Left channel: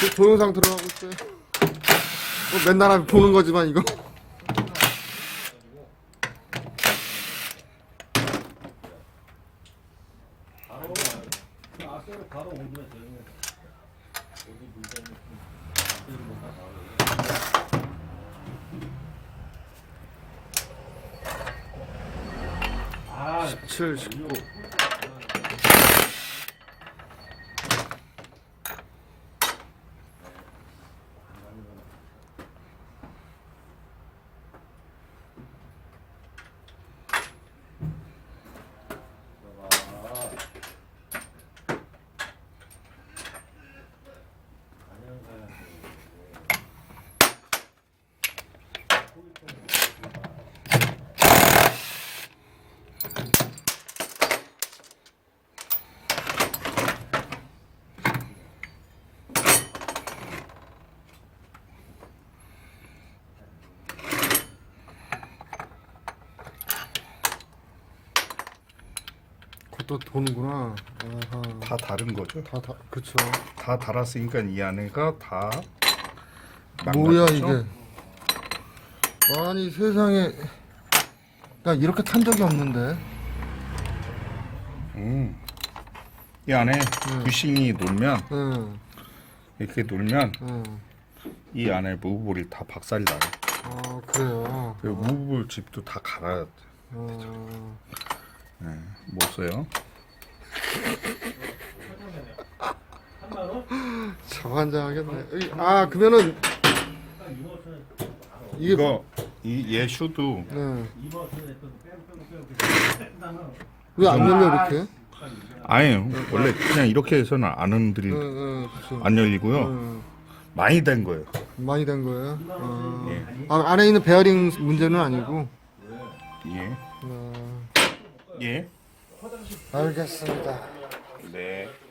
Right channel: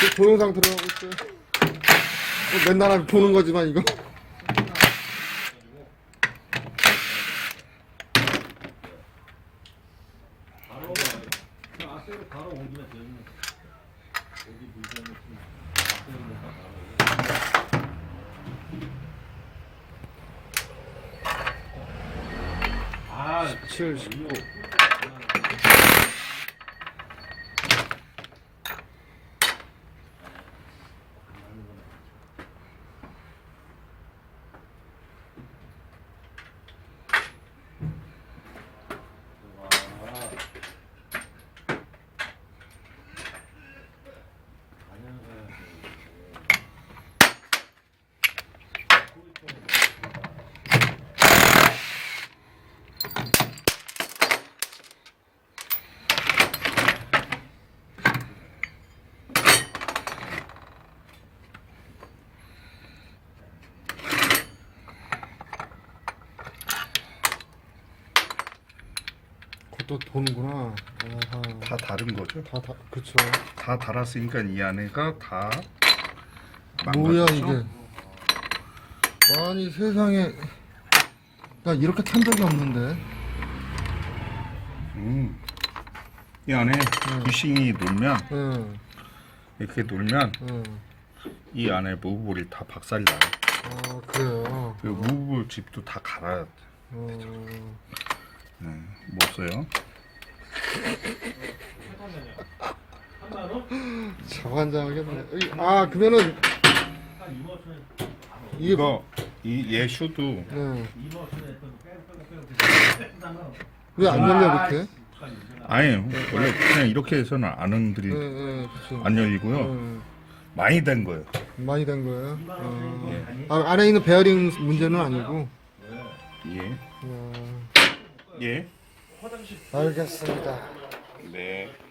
그 동영상 들어가고 있어요. 뭐 맨날 보는 거지만 이거. 아, 7, 19. 그것도 도는구나. 아하. 다 다른 거죠. 다, 다, 그쵸. 다 달았으니까 이 안에가 다 뭐야, 망가졌죠? 이게. 아니, 세상에. 나 이렇게 탄 적이 없는데. 음. 이 안에 음. 부싱이 놀면 응, 이렇게 놀면 응. 이 안에 무브볼이 다 박살이 나요. 아, 그래요. 그 무브볼 집도 다 갈아야 돼. 어, 네, 못 써요. 저한장하겠네. 이- 아, 그러면은. 이게. 이거 이얘 슈도 네. 왜안 열려, 이렇게? 아니 원래 그냥 이렇게 해서는 안 응, 응, 그쵸. 안 열리고요. 응. 많이 된 거예요. 많이 된 거예요? 어. 아, 안에 있는 베어링 문제는 아니고. 예. 어, 예. 알겠습니다. 네.